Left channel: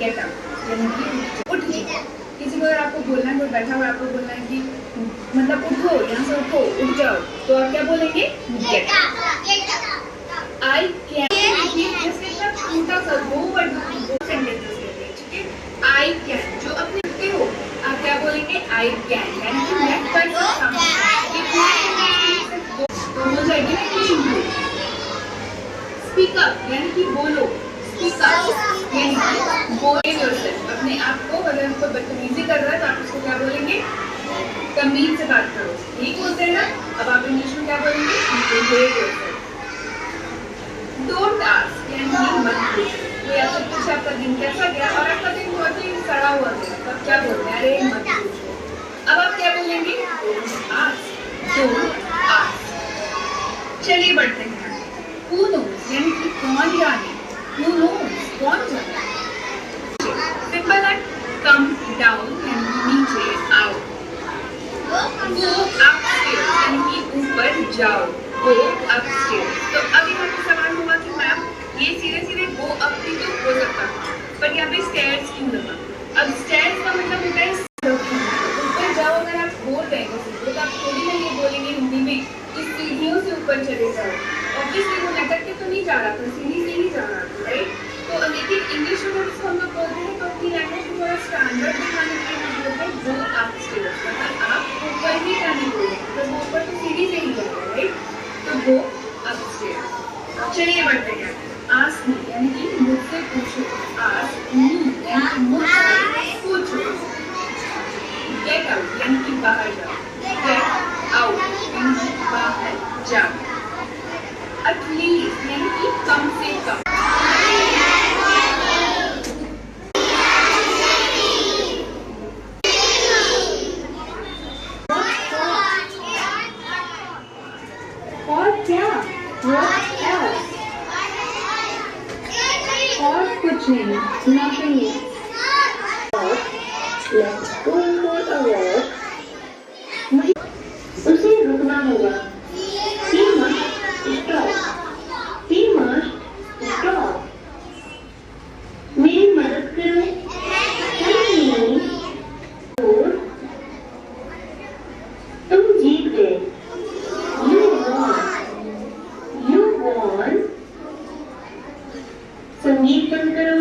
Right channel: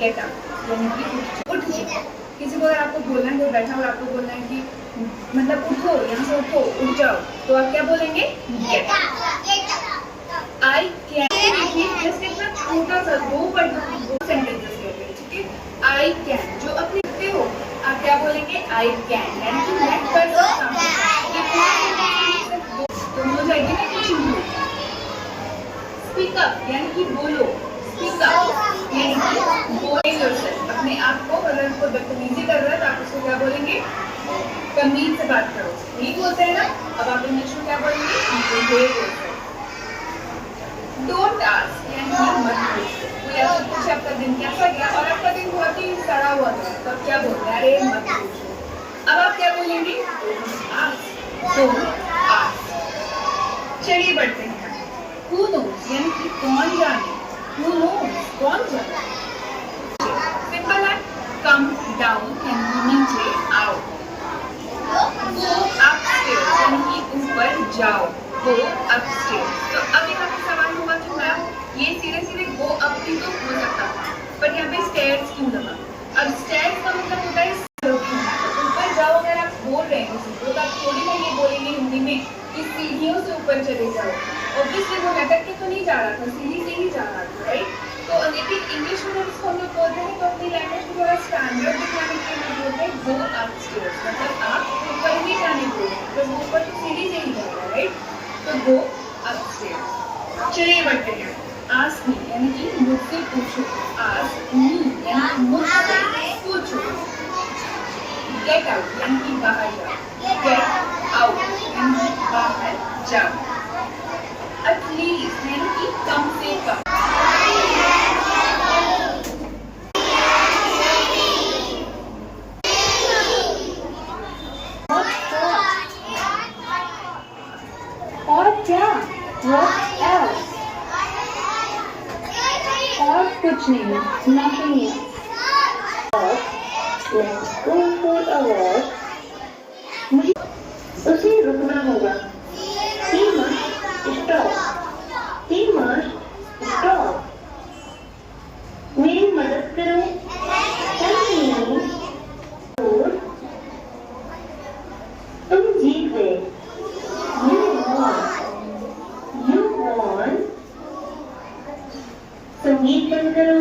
Get up यानी कि उठ जाओ। किसी को अगर आपको बोलना है, कोई बैठा हुआ आपको बोलना है कि मतलब उठो, यहाँ से उठो, उठ जाओ, तो आप क्या बोलेंगे? Get up. आई कैन, जैसे इतना छोटा सा दो सेंटेंसेस कहते हैं, ठीक है। आई कैन, जो अपने लिखते हो आप क्या बोलेंगे? आई कैन, यानी कि मैं कर सकता हूँ। दोनों साइड में कुछ इंक्लूड। स्पीक अप यानी कि बोलो, स्पीक अप यानी कि बोले योरसेल्फ, अपने आप को। अगर कोई बदतमीजी कर रहा है तो आप उसको क्या बोलेंगे? तमीज से बात करो, ठीक बोलते हैं ना। अब आप इंग्लिश में क्या बोलेंगे? Behave yourself. डोंट आस्क यानी कि मत पूछो। कोई आपसे पूछे आपका दिन कैसा गया और आपका दिन बहुत ही सड़ा हुआ गया, तो आप क्या बोलते हैं? अरे मत पूछो। अब आप क्या बोलेंगे? Don't ask, don't ask. चलिए बढ़ते हैं। Who knows यानी कि कौन जाने, Who knows कौन जाने। सिंपल है। Come down यानी कि नीचे आओ। Go upstairs यानी कि ऊपर जाओ, Go upstairs। तो अब यहाँ पे सवाल होगा कि मैम ये सीधे सीधे go up भी तो हो सकता है, पर यहाँ पे stairs क्यों लगा? अब stairs का मतलब होता है ऊपर जाओ। अगर आप बोल रहे हैं किसी को तो आप थोड़ी ना ये बोलेंगे हिंदी में कि सीढ़ियों से ऊपर चले जाओ। ऑब्वियसली वो लटक के तो नहीं जा रहा था, सीढ़ी से ही जा रहा था, राइट। तो लेकिन इंग्लिश में जब हम लोग बोलते हैं तो अपनी लैंग्वेज को थोड़ा स्टैंडर्ड दिखाने के लिए हम बोलते हैं गो अपस्टेयर्स, मतलब आप ऊपर ही जाने बोले, तो वो ऊपर तो सीढ़ी से ही जाएगा, राइट। तो गो अपस्टेयर्स। चलिए बढ़ते हैं। आस्क मी यानी कि मुझसे पूछो, आस्क मी यानी कि मुझसे पूछो। गेट आउट यानी कि बाहर जाओ, गेट आउट यानी कि बाहर जाओ। एटलीस्ट यानी कि कम से कम। और क्या? What else? और कुछ नहीं, nothing else. Let's go for a walk. उसे रुकना होगा। He must stop. He must stop. मेरी मदद करो। Help me. और तुम जीत गए। You won. You won. संगीत बंद करो।